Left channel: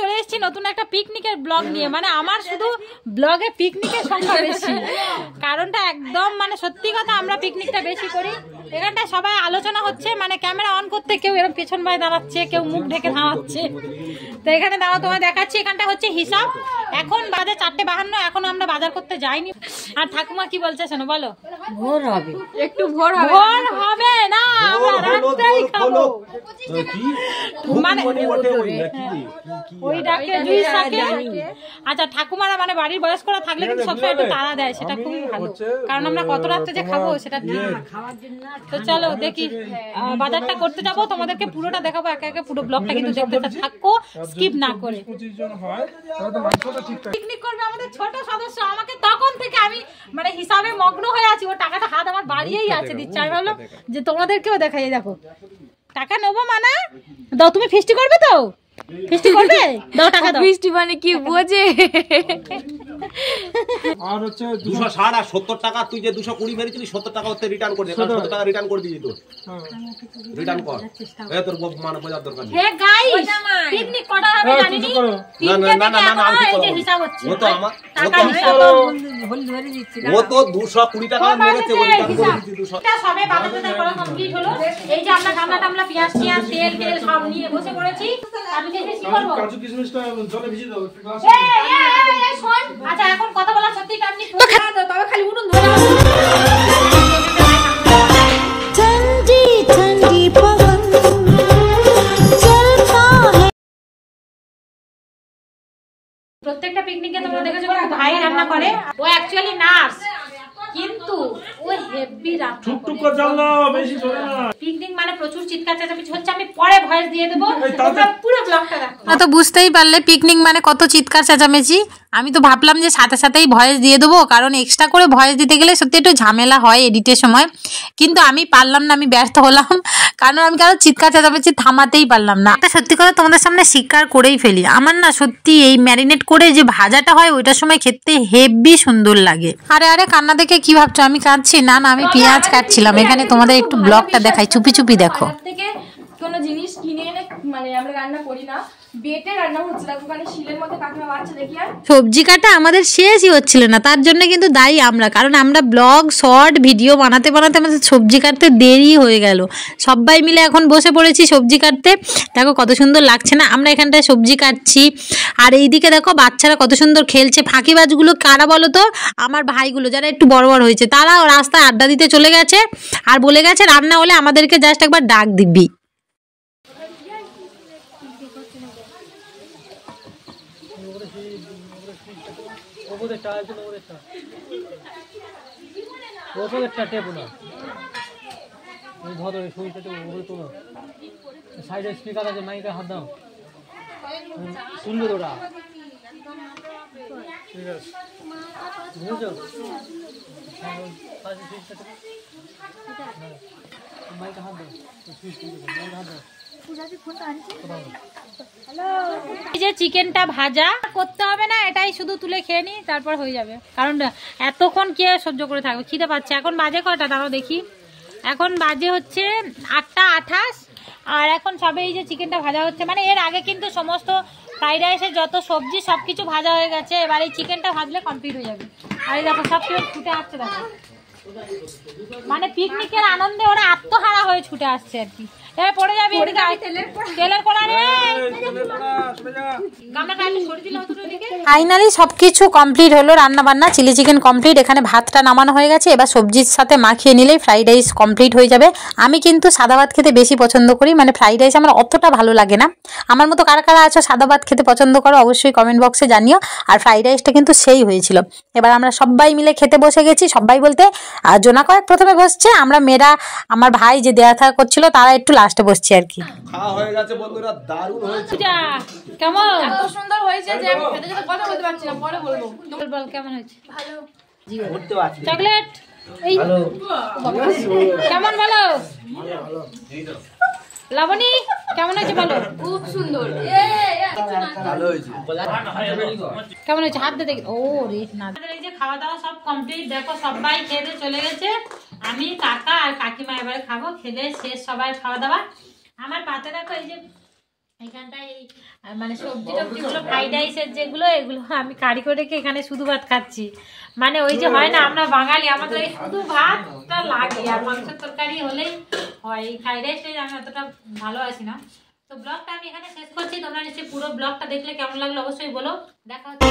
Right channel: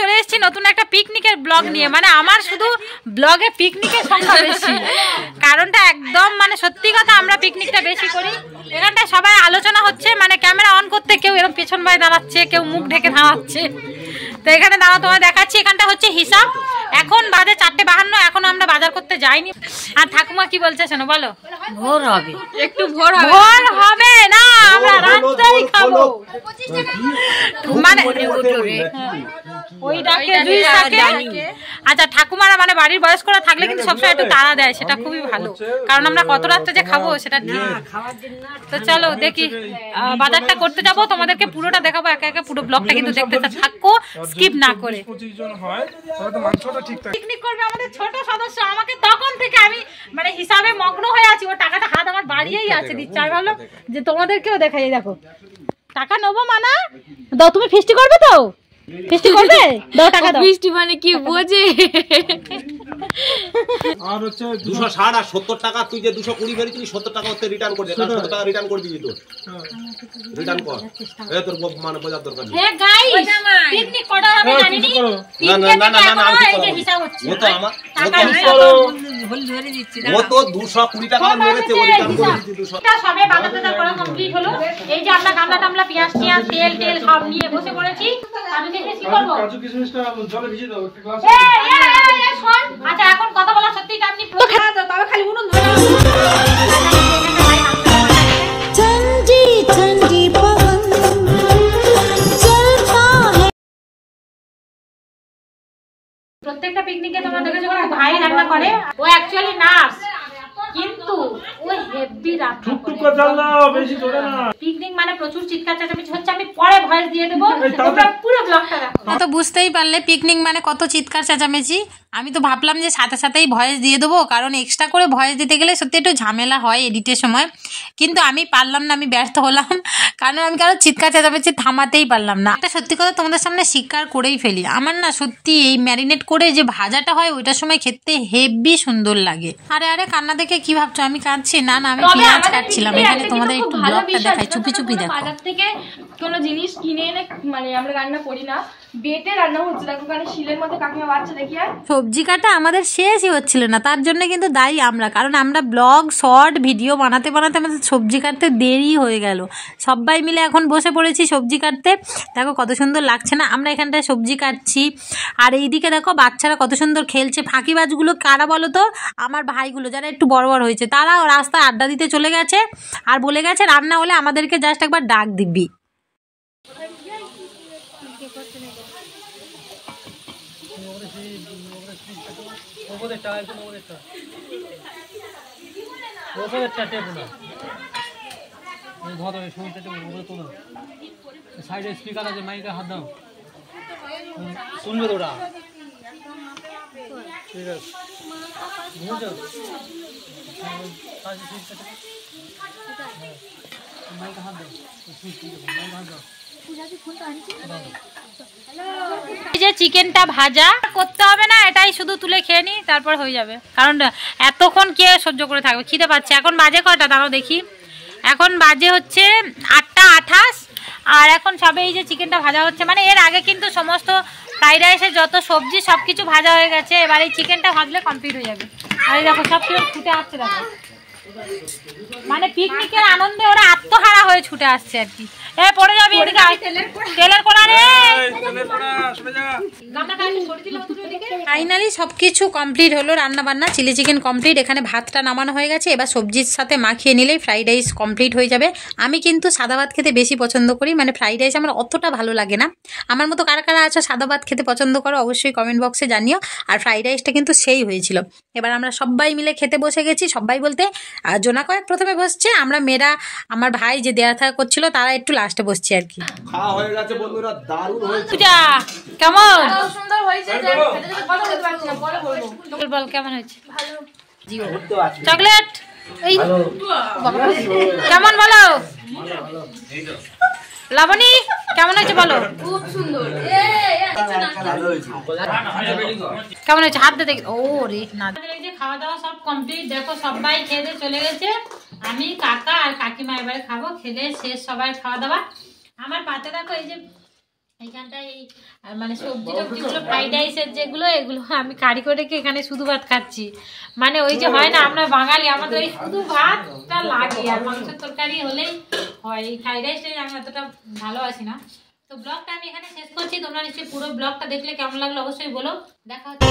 চলে এসেছি নতুন একটা পিকনিকের ব্লগ নিয়ে। মানে আমার শুধু ব্লগে পিকনিকের সংখ্যা বেশি, কারণটা একদম মানে সত্যি কথা, আমরা পিকনিকটা বেশি করি। এখানটায় সবাই আলোচনা হচ্ছে, মানে ক্যামেরা অন করতে কেউ এরকম পেছন ভাই দাঁড়াচ্ছে, কেউ মুখ ঢেকে দাঁড়াচ্ছে। তো এখানে দাঁড়াও তোমায় দেখাচ্ছি। এখানটা হচ্ছে হিসাব। এখন বাজে 4:52, এখনো আমরা বাজার করতে যাইনি। আর ঠাকুমা কি বলছে শোনো, বলো। ভোর হবে, একটু ভোর হবে না, আমরা রাতটাই খাবো। মানে ওই ডাকে দুই থাকে। আচ্ছা, ঠাকুমারা মানে বাড়ির বয়স্করা থাকলে কিন্তু সবসময় একটু তাড়া দেয়, সেটা খুবই ভালো, কারণ আমরা কত রাত্রে যে খাবো সেটা ঠিক। তো চলো দেখি, বাজারটা করতে যাবো, তোমাদেরকে পুরোটা দেখাবো একে একে। পুরো ব্লগটা কিন্তু দেখতে থাকো, স্কিপ না করে। পিকনিক করবে আমাদের ছোট সদস্য, আমাকে তখন থেকে আমি মানে হিসাবে মগ্ন হয়ে আছি। ও টাকাটা হাত আমার বাড়িয়েই আছে, দিচ্ছে। আমি ভাবলাম যে তোমাদেরকেও দেখাই, দেখো টাকা নেবো। মানা দাও, তুমি ফিস্টি করবে তো? ফিস্টি করবে? দাও টাকা দাও। ফিস্টি মানে কি বোঝে? আর হচ্ছে 260 আর 70 টাকা, তুই যে 220 বেরিয়েছিলি 70 টাকা হচ্ছে রিটার্ন করে দে। 70 টাকা রিটার্ন করে দিবি তো, রিটার্ন কর। এ তোর মানে বোঝার দরকার নেই। হে গাইস, পিকনিক করা হবে জানিনি। না এই যে হিসাব হচ্ছে, ও তো আমার টাকা হিসাব ভুল ধরে দিচ্ছি না। ও তো 220 টাকা মেরেছে, ও রিটার্ন করে দিচ্ছি 200। এটা সবে বাজার করা কমপ্লিট হলো। এই যে আমরা গামলা টামলা, পেঁয়াজ টিয়াজ, তেল সব নিয়ে বসে পড়েছি। আমি কি করব? কাজু কিশমিশটা জলে ভিজিয়ে দাও একটা গ্লাস। এই শোন, আচ্ছা এখন কথা বলা সত্যি টাইম নেই, তবে খালি উনুন ধরে। ठंडी ठंडी पवन चलता है। প্রত্যেকটা পিকনিকে তোমরা দেখেছো ভাই রান্না করে। ও অ্যাকচুয়ালি নার্স, কিন্তু ও হেভি রান্না করে। পিকনিক মানে প্রচুর চিৎকার চেঁচামেচি হচ্ছে। আমি পরে ভয়েস দিয়ে দেবো, তোমরা পুরো ব্লগটা দেখো। না তো বুঝতেই পারলে পিকনিক মানে কত চিৎকার চেঁচামেচি। আমি তো ভাবলাম যে সাথে সাথেই ভয়েস দিয়ে দেবো, কারণ এক্সট্রা করে ভয়েস দিতে গেলে সত্যি একটু ঝামেলা হয় এডিটের সময়। কিন্তু আমি পারলাম না, আমি ব্যর্থ হলাম, কারণ আমি কারো চিৎকার চেঁচামেচি থামাতেই পারলাম না। একটা সত্যি কথা তোমাদের সামনে স্বীকার করেই ফেলি, আমার না সত্যি এই ম্যারিনেট করে যে ভাজাটা হয় ওইটার সময় খেতে হেভি সুন্দর লাগে। আরে কান্না দেখে কি ভাবছো আমি কাঁদছি? না আমি পেঁয়াজ কাটছিলাম। এখানে তোমাদের একটু ব্লগটা দেখাই, চুপি চুপি দেখো। কোনো জিনিস কিনে এনে মানে আমরা রান্না করি না, বেটে রান্না হচ্ছে। দেখো ওখানে শিলের মধ্যে কাকিমা বাচ্চা দেখি। আর সবজি কাটা আমাদের শেষই হচ্ছিল না, তার জন্য কিন্তু দায়ী আমরা, কারণ আমরা ব্লগ শর্ট ভিডিও বানাতে বানাতে আমাদের সবজি কাটতে দেরি হয়ে গেল। সবাই মিলে এখন বসে পড়েছি সবজি কাটতে। দেখো কত সুন্দর লাগছে না, আমরা এখানটায় সবজি কাটছি। আর এইদিকে দেখো বাচ্চারা কত সুন্দর খেলছে। ফাঁকিবাজগুলো কারা বলো তো? আমার ভাইগুলো, যারা একটু বড় বড় হয়েছে, তারাও রাস্তায় আড্ডা দিতে চলে গেছে। আর বলে গেছে রান্না হলে আমাদেরকে জাস্ট একবার ডাক দিবি। সাইডে স্পিকার আছে, মাইকে হাত দাও, শুনবে তোরা? ঠিক আছে, বুঝেছো? মাইকে হাত দাও, হাত দাও। এই যে চিকেনটা ভাজা করতে হবে না, এটাই শুধু তুলে খেয়ে নি, তারপর হয়ে যাবে। কারণ এতক্ষণ কে সহ্য করে থাকবে? খিদে পাচ্ছে। এখন বাজে কয়টা দাঁড়াও দেখি, এখন বাজে হচ্ছে 8:28। আর এখন সবে এই যে চিকেনটা ভাজা হচ্ছে। মানে এর আগে কিন্তু সমস্ত ফ্রাইড রাইসের যত সবজি সব কিছু ভাজা হয়ে গেছে, এবার এই চিকেনটা ভাজলে কমপ্লিট হয়ে যাবে। আর এই দেখো সব কেউ ছুটে আসছে, দেখো মানে পিকনিকের আনন্দে ওরা আত্মহারা হয়ে ছুটে আসছে আর কি। পড়ে যাবে এদিকে, তেলের কড়া রে। ফাইনালি সবকিছু কমপ্লিট হলো, রান্না বান্না, চিলি চিকেন কমপ্লিট। এখানে ভাতটা নামানো হয়ে গেছে, এবার সবজির সাথে মাখিয়ে নিলেই ফ্রাইড রাইস কমপ্লিট হয়ে যাবে। আমি কিন্তু সাদা ভাত খেতে বেশি পছন্দ করি, মানে ফ্রাইড রাইস আমার অতটা ভালো লাগে না। আমার মতো কারা কারা আছো সাদা ভাত খেতে পছন্দ করো অবশ্যই কমেন্ট বক্সে জানিও। আর ফ্রাইড রাইসটা কিন্তু সেই হয়েছিল। এবার আমরা সবাই মিলে খেতে বসে গেছি। সবাই বলতে জোনা কয়েক প্রথমে বসছে, আমরা মেয়েরা, আমার ভাই যে দেয়া থাকা করছিল তারা একটু লাস্টে বসছে আর কি। খাওয়া হয়ে গেছে বন্ধুরা, দারুণ হয়েছে। পূজা কেমন? সুন্দর হয়েছে যে খেতে যেতে কথা বলতে পারছি না, পরে বলবো। বল কেমন হয়েছে? ভালো। চকলেট কেমন বলো? লাবণী কেমন হয়েছে বলো? খুব সুন্দর। কেমন হয়েছে? হাত দিয়ে দেখি। ও রে না, খাওয়া দাওয়া সব কমপ্লিট। দেখো সবাই খেতে চলে গেছে, আমি কাকা আর কাকিমা এবারে খাবো। খেলে শেষ সবাই খাওয়া দাওয়া। আমার পাতে দেখো এই যে এইখানটায় মানে সবজি টবজিগুলো ফ্রাইড রাইসের যেগুলো এগুলো আমি কারি করে রেখে এখানে শুধু ভাত খাচ্ছি। মানে ওই যে হয় না আমরা বাঙালি আমাদের ওই শুধু ভাতটা লাগে আর মাংসের তরকারি হলেই হয়। এই ফ্রাইড রাইসটাই আমি অতটা ভালোবাসি না। তো ব্লগটা আমি এখানে শেষ করছি। তোমরা নিশ্চয়ই পুরো ব্লগটা দেখলে কেমন লাগলো অবশ্যই বলো। দেখা হচ্ছে।